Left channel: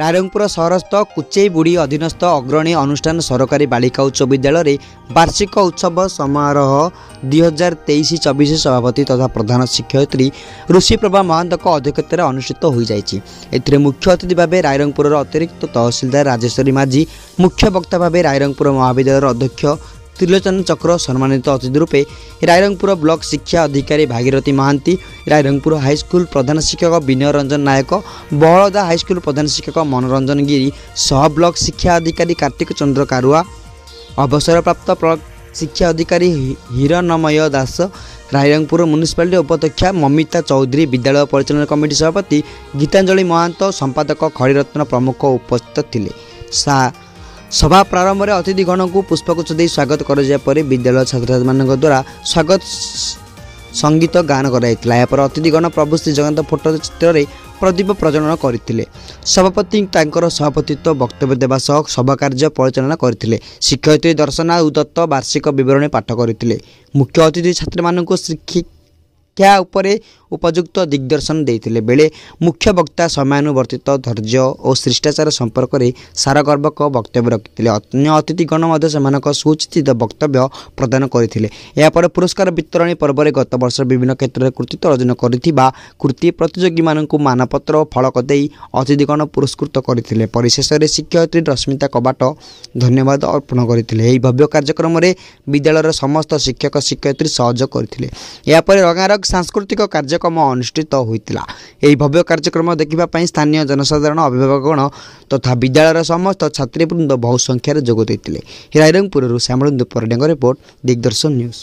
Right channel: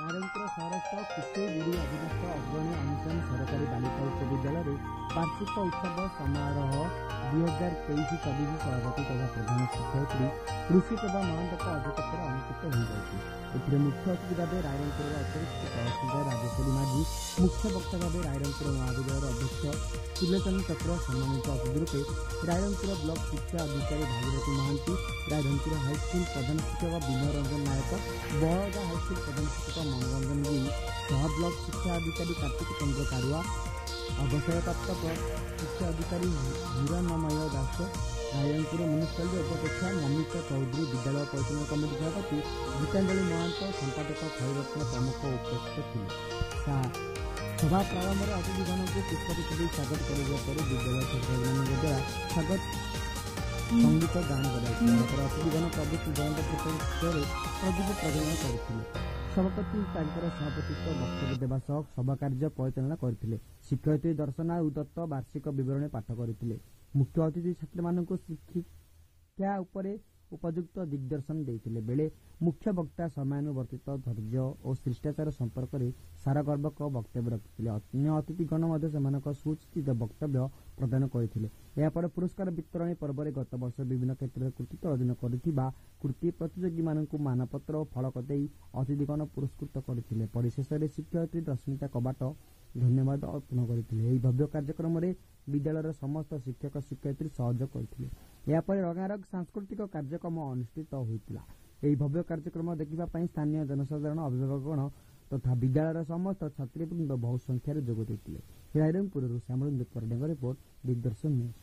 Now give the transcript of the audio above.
रायरंगपुर सहरस्थ कुचेईबुड़ी अधीनस्थ अग्रणी अनुष्ठान सरकारी बालिका उच्च विद्यालय वार्षिक उत्सव समारोह 2023-24 सभापति तथा प्रधान शिक्षयित्री ऋषिप्रभा महंत अध्यक्षतार अनुष्ठित हो जाए। मुख्य अतिथि भाव रायरंगपुर अतिरिक्त तहसिलदार राजेश्वरी माझी, मुख्य वक्ता भाव रायरंगपुर महाविद्यालय अध्यक्ष त्रिलोचन चक्र, सम्मानित अतिथि रूपे रायरंगपुर ब्लॉक शिक्षा अधिकारी भागीरथी महांती, रायरंगपुर हाईस्कूल प्रधान शिक्षक विनय रंजन नायक, बहलदा हाईस्कूल प्रधान शिक्षक मनोरंजन गिरी, सह ब्लॉक शिक्षा अधिकारी कार्तिक चंद्र कारुआ, अवसरप्राप्त ब्लॉक शिक्षा अधिकारी हिरणमय दास, रायरंगपुर म्युनिसिपालिटी उपाध्यक्षा ममिता चौधरी, विद्यालय परिचालन कमिटी सभापति गीतांजलि महांत, संपादक खड़ीरत्न प्रमुख उपस्थित थिले। सभा प्रारंभ में अतिथिगण को पुष्पगुच्छ दे स्वागत कर विद्यालय छात्र छात्री मान द्वारा स्वागत संगीत गान कराइला। अतिथिगण प्रभु श्री जगन्नाथ फोटो चित्र प्रदीप प्रज्वलन करते। सभापति सभापतित्व वक्तव्य देवा सह सभा कार्य परिचालना करते। शिक्षयित्री दर्शना दत्त वार्षिक विवरणी पाठ करते। मुख्य अतिथि छात्र मानक शिक्षा उपरे उपयुक्त दिग्दर्शन देते बेले मुख्य वक्ता समयानुवर्तित धैर्य और शिष्टाचार संपर्क में सारगर्भक वक्तव्य रखिते। अन्य अतिथिगण से सुचित वक्तव्य प्रदान करते। यापर पुरस्कार वितरण पर्व में गत वर्ष विभिन्न क्षेत्र में कृतित्व अर्जन कर कृति प्रतियोगी मानक मानपत्र और फलक दे अतिथिगण पुरस्कृत करते। परिशेष में शिक्षयित्री रश्मिता कबाट धन्यवाद अर्पण करते। भव्य कार्यक्रम में विद्यालय समस्त शिक्षक शिक्षयित्री सहयोग करते। यापर रंगारंग सांस्कृतिक कार्यक्रम अनुष्ठित होता। यह भव्य कार्यक्रम देखा स्थानीय जनसाधारण अभिभावकगण तथा विद्यालय समस्त छात्रीवृंद बहु संख्यार जोग देते। रायरंगपुर श्यामलंदु परिडांग रिपोर्ट दिग्दर्शन न्यूज।